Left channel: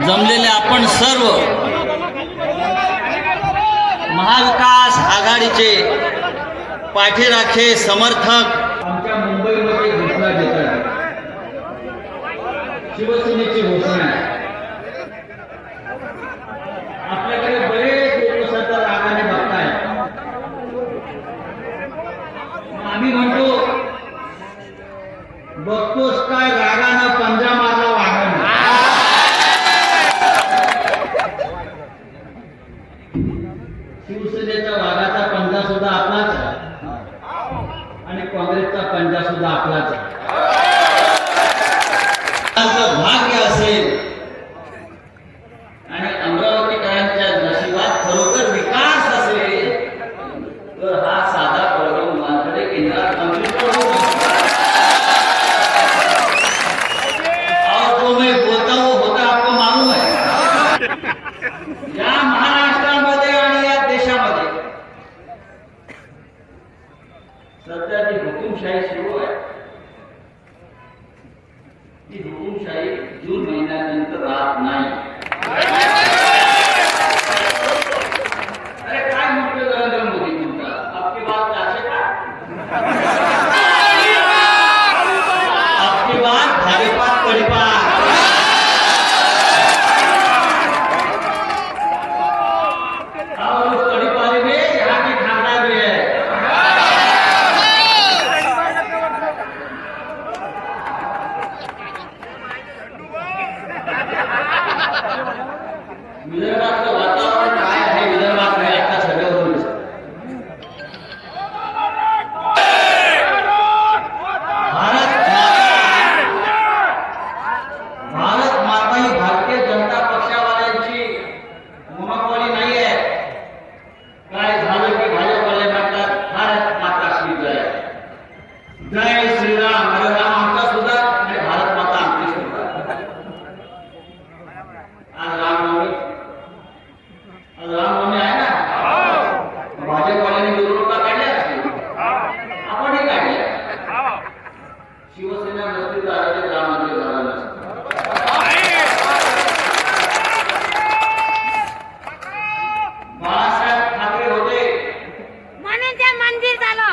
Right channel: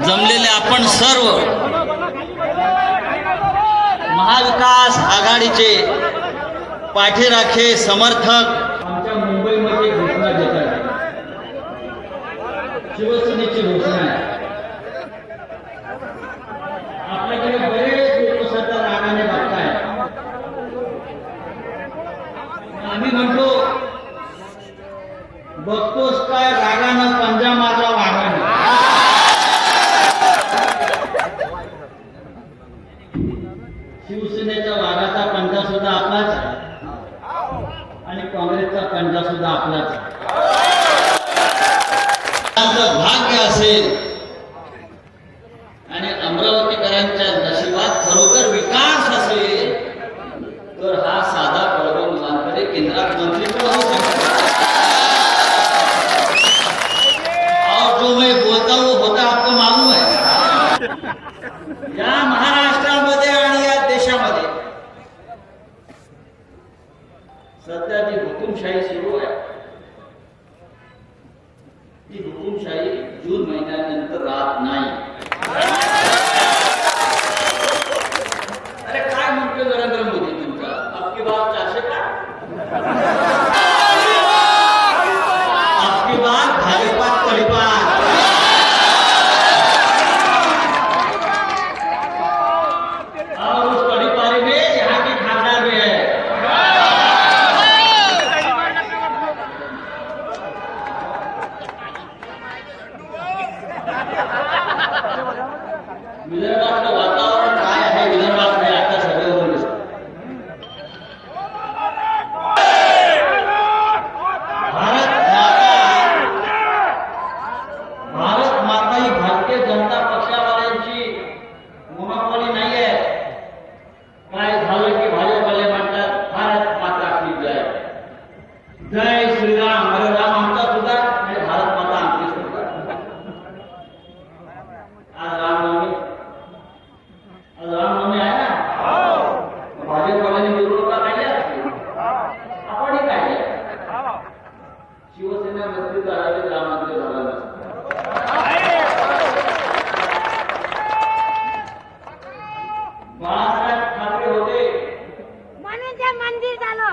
जमलेले आपण सर्व महाविकास आघाडीचे पाठीराखे समर्थक आमच्या मुंबईमध्ये घोषणा देतात शिवसेनेची घोषणा आहे. आपल्याकडे बरेच लोक सध्या रागाने बघताय आम्ही म्हणतो बघतोच काय रागा शिवसेनेच्या वाघाचा पंजा सुद्धा आपलाच आहे. आणि काँग्रेसचा पंजा सुद्धा आपलाच आहे. भाग्य असेल. आणि अमरावतीकरांच्या नशिबात खरोखर विकास असेल तर हा साधा प्रॉब्लेम वानकडे केंद्रात सध्या जी हुकुमशाही सुरू आहे ती हुकुमशाही जून महिन्यानंतर राहत नाही अरे काय म्हणतोय नरेंद्र मोदी तुमचा आपकी बात चारशे का बात भाजपात विदर्भातलं वातावरण काय आहे? विदर्भात नाही आता सगळं भारत माता भारत माता ही भारतीय जनता पक्षावाल्यांची मोनोपॉली नाही आहे काय झालं की भाजपवाले म्हणतात भारत माता श्री जय. जय હિન્દી ચાલો